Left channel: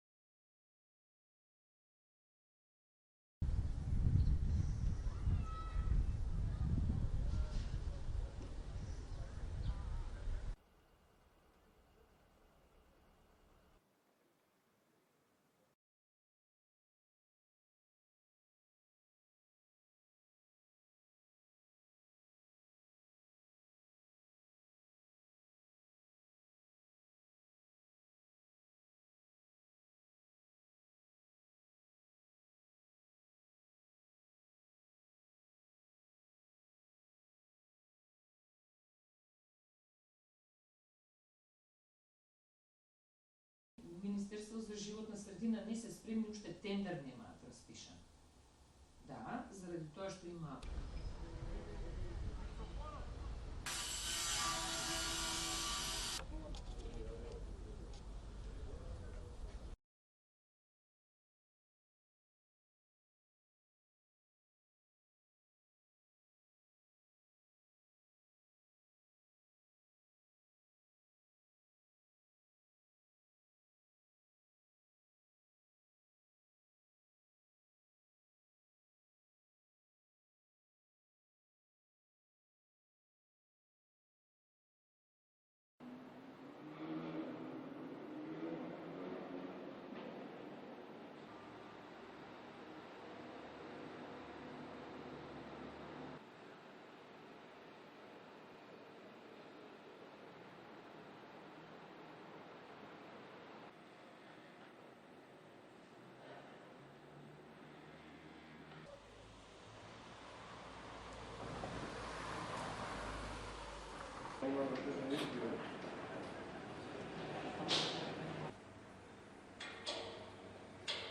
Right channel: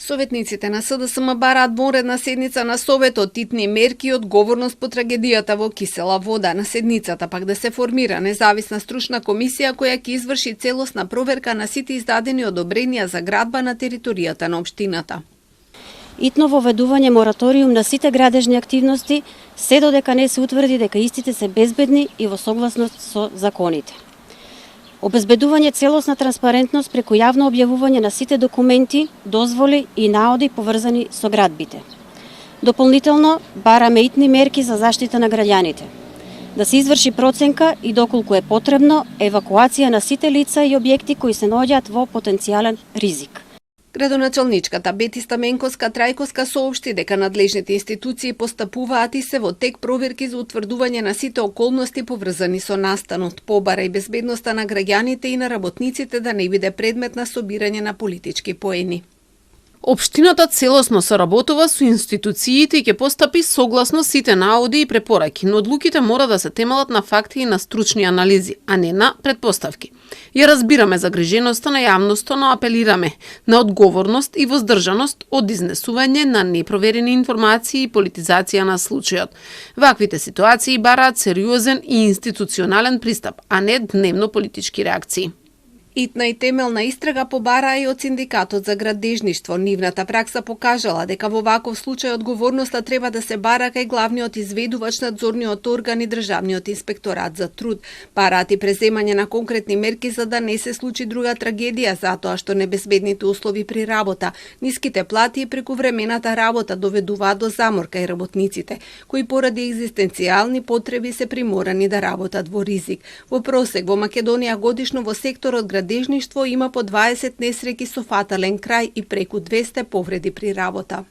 Советниците на СДСМ бараат вонредна седница на Советот, итни мерки и одговорност по трагедијата во Кисела вода. На седницата пак да се формира независна стручна комисија која ќе изврши целосна проверка на сите издадени одобренија за градба на територијата на општината. Итно воведување мораториум на сите градежни активности, се додека не се утврди дека истите се безбедни и во согласност со законите. Обезбедување целосна транспарентност преку јавно објавување на сите документи, дозволи и наоди поврзани со градбите. Дополнително, бараме итни мерки за заштита на граѓаните. Да се изврши проценка и доколку е потребно, евакуација на сите лица и објекти кои се наоѓаат во потенцијален ризик. Градоначалничката Бети Стаменковска-Трајковска соопшти дека надлежните институции постапуваат и се во тек проверки за утврдување на сите околности поврзани со настанот, побара и безбедноста на граѓаните и на работниците да не биде предмет на собирање на политички поени. Општината целосно соработува со институциите и ќе постапи согласно сите наоди и препораки, но одлуките мора да се темелат на факти и на стручни анализи, а не на предпоставки. Ја разбираме загриженоста на јавноста, но апелираме на одговорност и воздржаност од изнесување на непроверени информации и политизација на случајот. Ваквите ситуации бараат сериозен и институционален пристап, а не дневно политички реакции. Итна и темелна истрага побараа и од Синдикатот за градежништво. Нивната пракса покажала дека во ваков случај одговорноста треба да се бара кај главниот изведувач, надзорниот орган и Државниот инспекторат за труд. Бараат и преземање на конкретни мерки за да не се случи друга трагедија, затоа што небезбедните услови при работа, ниските плати и прекувремената работа доведуваат до замор кај работниците, кои поради екзистенцијални потреби се приморани да работат во ризик. Во просек во Македонија годишно во секторот градежништво има по 20 несреќи со фатален крај и преку 200 повреди при работа.